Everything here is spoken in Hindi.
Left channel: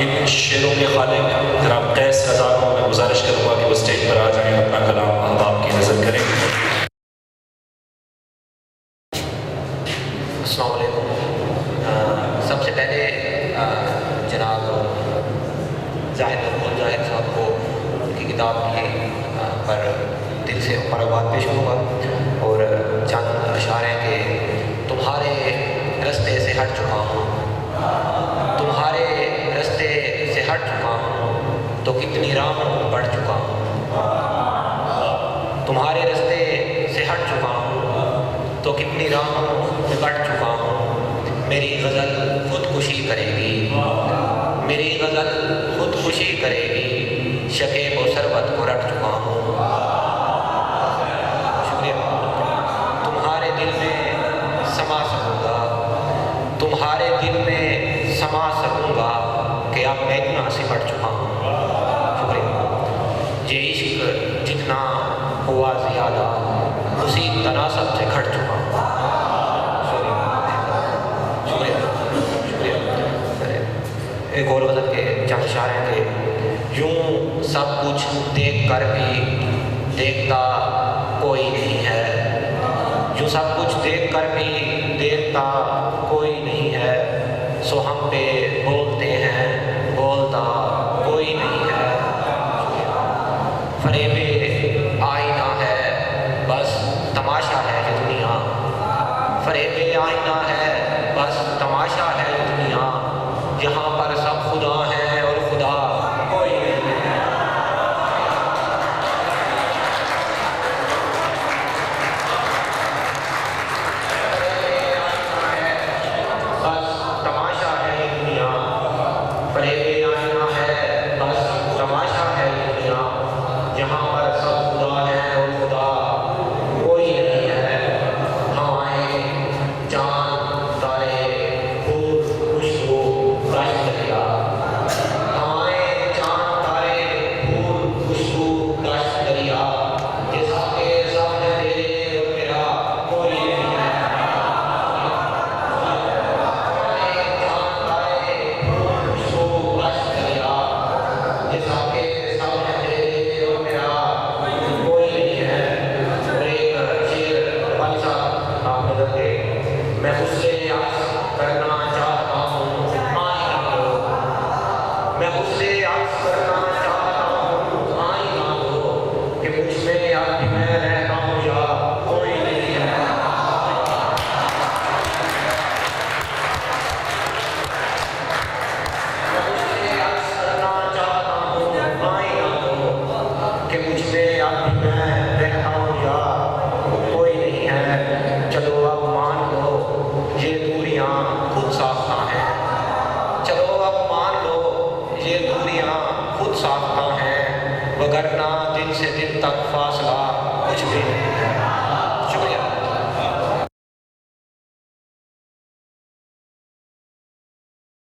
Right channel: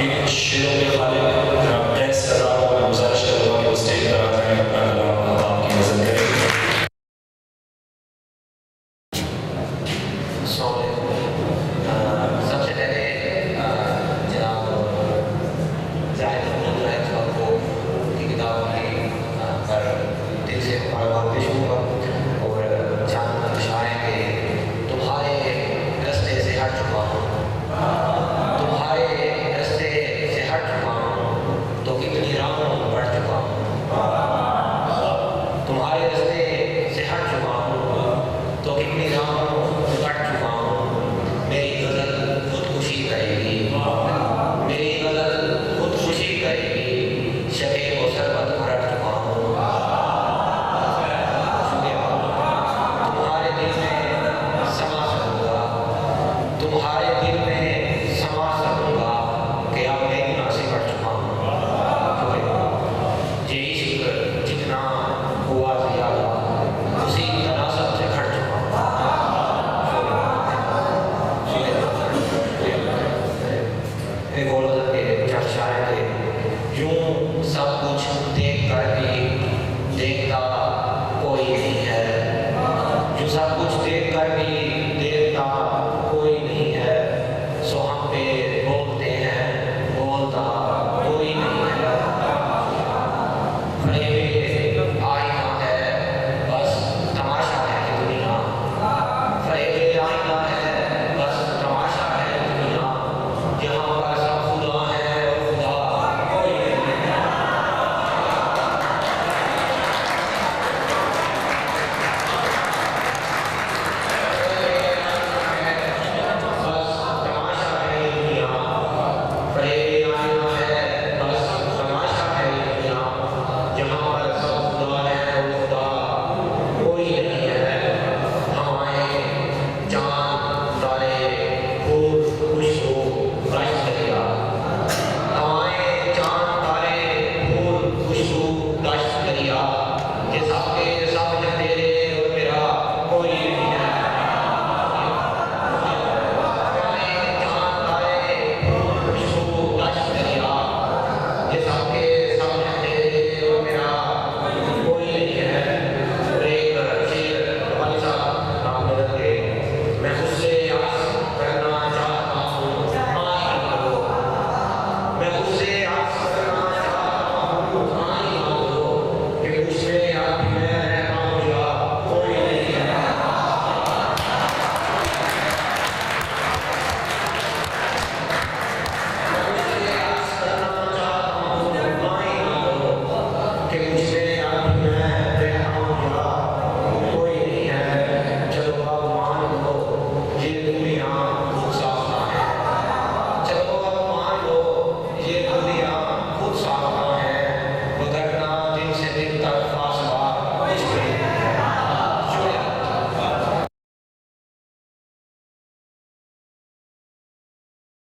इन शेरों के खालिक जनाब कैस रज़ा को मैं गुजारिश करूँगा कि वो स्टेज पर आ जाएं, अपना कलाम हम आपकी नज़र करें। अस्सलाम वालेकुम। सबसे पहले जनाब जाहिद साहब को की किताब पर दिल से मुबारकबाद पेश होगा और चंद इशारे के तुम्हारे रास्ते से हट चुका हूँ, तुम्हारे रास्ते से हट चुका हूँ तो कितनी राहों बढ़ चुका हूँ, तुम्हारे रास्ते से हट चुका हूँ तो कितनी राहों बढ़ चुका हूँ। मेरी गज़ल खुदकुशी करेगी, मेरी गज़ल खुदकुशी करेगी, शके को शरबत को रट चुका हूँ। तुम्हारे दिल में समा सकूँगा, तुम्हारे दिल में समा सकूँगा कि अब मैं इतना सिमट चुका हूँ। ये इश्क जितना हुआ ज़्यादा उसी तनासब से घट चुका हूँ। एक और गज़ल के चंद इशारे थे। यूं सब कुछ देख कर भी देखता कोई नहीं है, यूं सब कुछ देख कर भी देखता कोई नहीं है, सो हम पे बोलते हैं बोलता कोई नहीं है। फरेब आईना है बस तमाशा है ये दुनिया, फरेब आईना है बस तमाशा है ये दुनिया, यहाँ पर सब खुदा है और खुदा कोई नहीं है। बस तमाशा है ये दुनिया, फरेब